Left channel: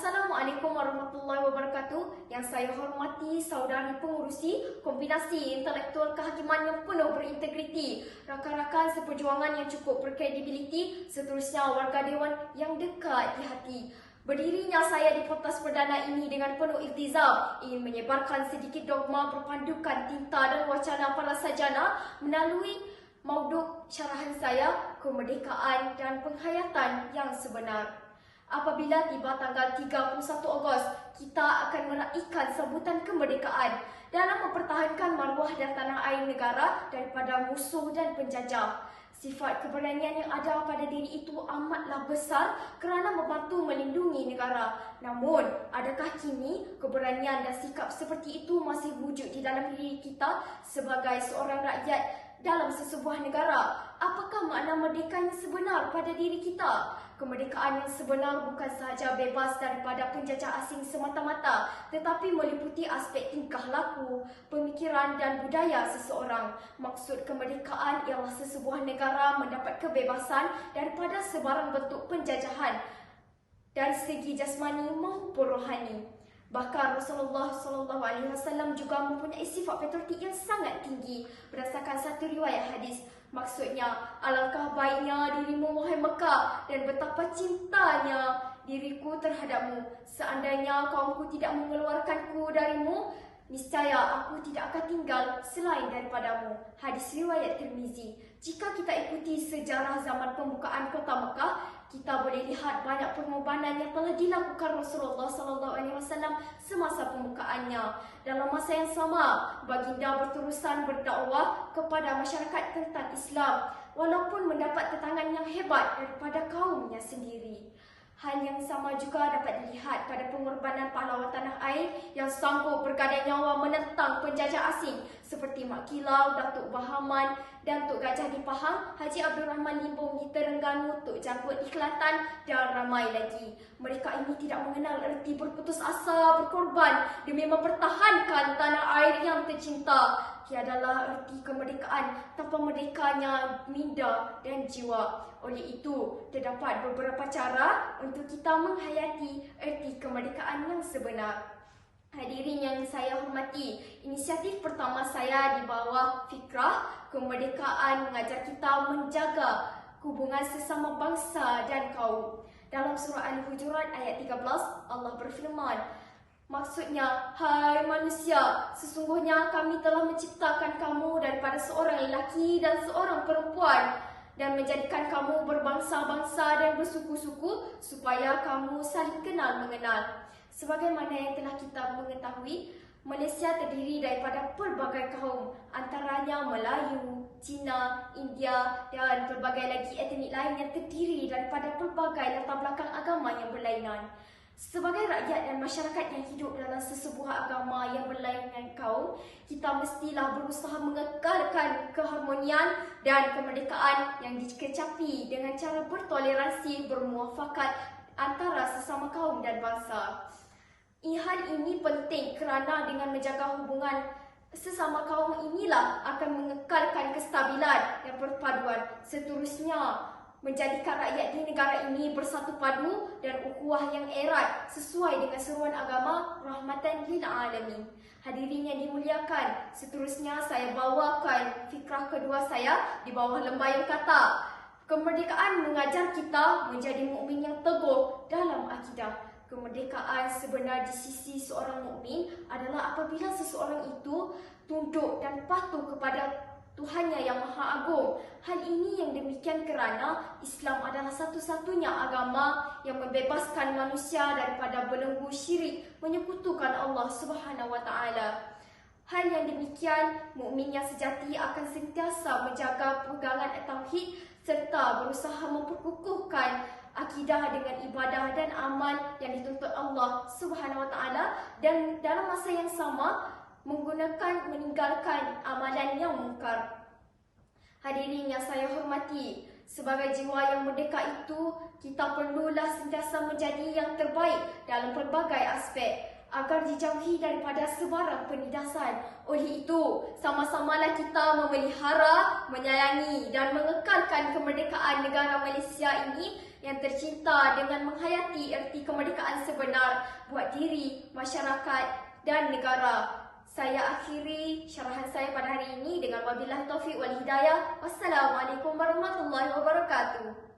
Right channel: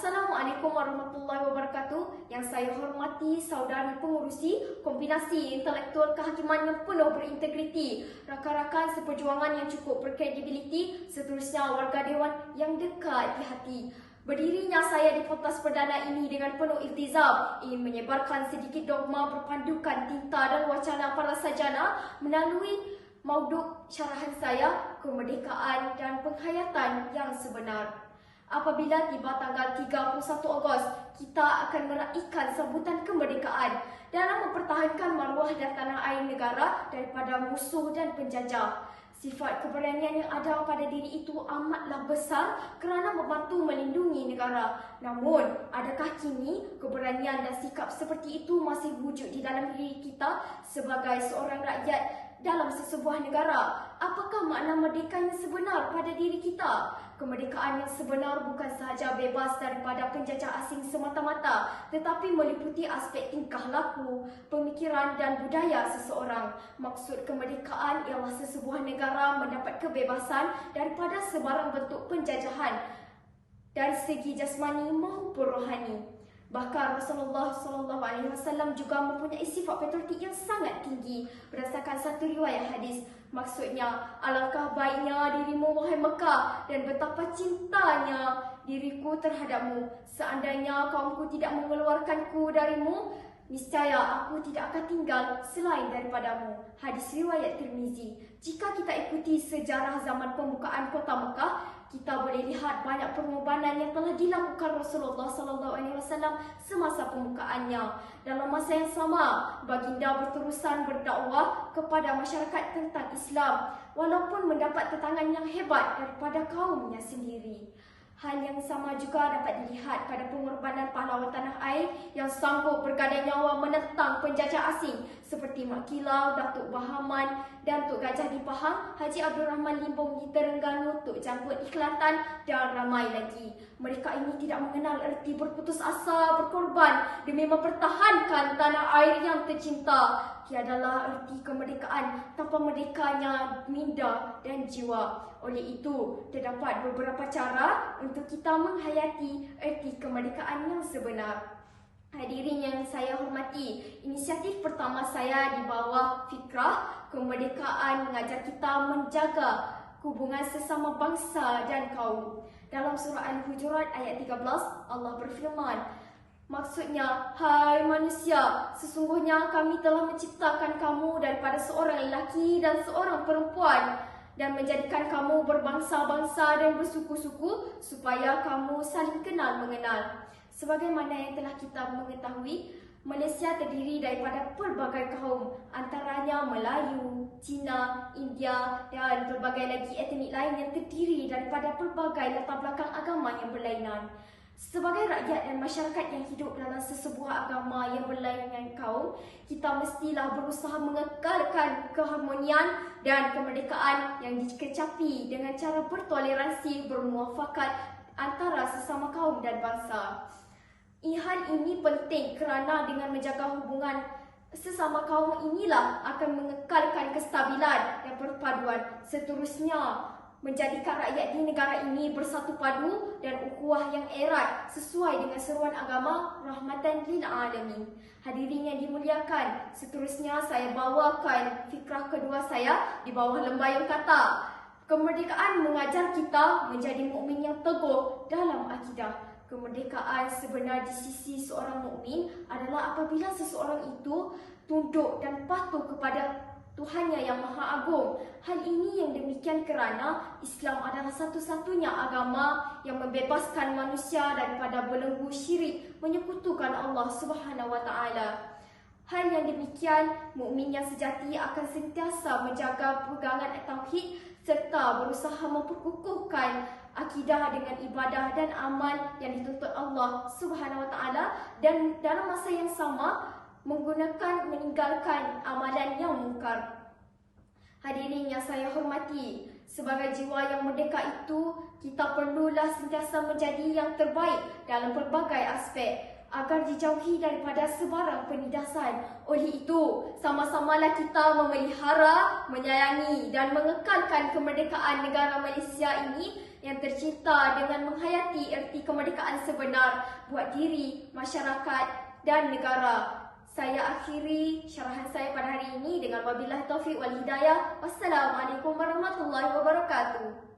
Assalamualaikum warahmatullahi wabarakatuh. Yang saya hormati saudari pengurusi Kombinasi Intelektual Kehakiman yang penuh berintegriti, rakan-rakan seperjuangan yang cukup berkredibiliti, seterusnya warga dewan yang dekat di hati. Berdirinya saya di pentas perdana ini dengan penuh iltizam ingin menyebarkan sedikit dogma berpandukan tinta dan wacana para sarjana melalui mauduk syarahan saya, kemerdekaan dan penghayatan yang sebenar. Apabila tiba tanggal 31 Ogos, kita akan meraihkan sambutan kemerdekaan dalam mempertahankan maruah dan tanah air negara daripada musuh dan penjajah. Sifat keberanian yang ada pada diri itu amatlah besar kerana membantu melindungi negara. Namun, adakah kini keberanian dan sikap seperti itu masih wujud di dalam diri kita sebagai seorang rakyat dalam sesebuah negara? Apakah makna merdeka yang sebenar pada diri kita? Kemerdekaan yang sebenar bukan sahaja bebas daripada penjajah asing semata-mata, tetapi meliputi aspek tingkah laku, pemikiran dan budaya seseorang. Maksud kemerdekaan ialah sesebuah negara mendapat kebebasan daripada sebarang bentuk penjajahan dari segi jasmani maupun rohani. Bahkan Rasulullah SAW juga mempunyai sifat patriotik yang sangat tinggi berdasarkan satu riwayat hadis. Maksudnya, alangkah baiknya dirimu wahai Mekah dan betapa cintanya diriku terhadapmu. Seandainya kaumku tidak mengeluarkanku darimu, niscaya aku tidak akan tinggal selain daripadamu. Hadis riwayat Tirmizi. Jika kita ikuti sejarah zaman pembukaan kota Mekah, kita boleh lihat banyak pengorbanan yang telah dilakukan Rasulullah SAW semasa pembukaannya. Dalam masa yang sama, baginda berterusan berdakwah kepada masyarakat tentang Islam, walaupun mendapat tentangan yang hebat daripada kaumnya sendiri. Hal yang sama juga dapat dilihat pada pengorbanan pahlawan tanah air yang sanggup bergadai nyawa menentang penjajah asing seperti Mak Kilau, Datuk Bahaman dan Tok Gajah di Pahang, Haji Abdul Rahman Limbong di Terengganu, Tok Janggut di Kelantan dan ramai lagi. Mereka ini tidak mengenal erti berputus asa, berkorban demi mempertahankan tanah air yang tercinta. Tiadalah erti kemerdekaan tanpa merdekanya minda dan jiwa. Oleh itu, terdapat beberapa cara untuk kita menghayati erti kemerdekaan yang sebenar. Hadirin yang saya hormati, inisiatif pertama saya di bawah fikrah kemerdekaan mengajar kita menjaga hubungan sesama bangsa dan kaum. Dalam surah Al-Hujurat ayat 13, Allah berfirman, maksudnya, hai manusia, sesungguhnya kami telah menciptakan kamu daripada seorang lelaki dan seorang perempuan dan menjadikan kamu berbangsa-bangsa dan bersuku-suku supaya kamu saling kenal mengenal. Sebagaimana yang telah kita mengetahui, Malaysia terdiri daripada pelbagai kaum, antaranya Melayu, Cina, India dan pelbagai lagi etnik lain yang terdiri daripada pelbagai latar belakang agama yang berlainan. Sebagai rakyat dan masyarakat yang hidup dalam sesebuah agama yang berlainan kaum, kita mestilah berusaha mengekalkan keharmonian dan kemerdekaan yang dikecapi dengan cara bertoleransi, bermuafakat antara sesama kaum dan bangsa. Hal ini penting kerana dengan menjaga hubungan sesama kaum inilah akan mengekalkan kestabilan dan perpaduan. Seterusnya, menjadikan rakyat di negara ini bersatu padu dan ukhuwah yang erat sesuai dengan seruan agama rahmatan lil alamin. Hadirin yang dimuliakan, seterusnya saya bawakan fikrah kedua saya di bawah lembayan kata. Kemerdekaan mengajar kita menjadi mukmin yang teguh dalam akidah. Kemerdekaan sebenar di sisi seorang mukmin adalah apabila seseorang itu tunduk dan patuh kepada Tuhannya yang Maha Agung. Hal ini yang demikian kerana Islam adalah satu-satunya agama yang membebaskan manusia daripada belenggu syirik menyekutukan Allah Subhanahu Wa Taala. Hal yang demikian, mukmin yang sejati akan sentiasa menjaga pegangan tauhid serta berusaha memperkukuhkan akidah dengan ibadah dan amal yang dituntut Allah Subhanahu Wa Taala dan dalam masa yang sama meninggalkan amalan yang mungkar. Hadirin yang saya hormati, sebagai jiwa yang merdeka itu, kita perlulah sentiasa menjadi yang terbaik dalam pelbagai aspek agar dijauhi daripada sebarang penindasan. Oleh itu, sama-samalah kita memelihara, menyayangi dan mengekalkan kemerdekaan negara Malaysia ini yang tercinta dengan menghayati erti kemerdekaan sebenar buat diri, masyarakat dan negara. Saya akhiri syarahan saya pada hari ini dengan wabillahi taufiq wal hidayah. Wassalamualaikum warahmatullahi wabarakatuh.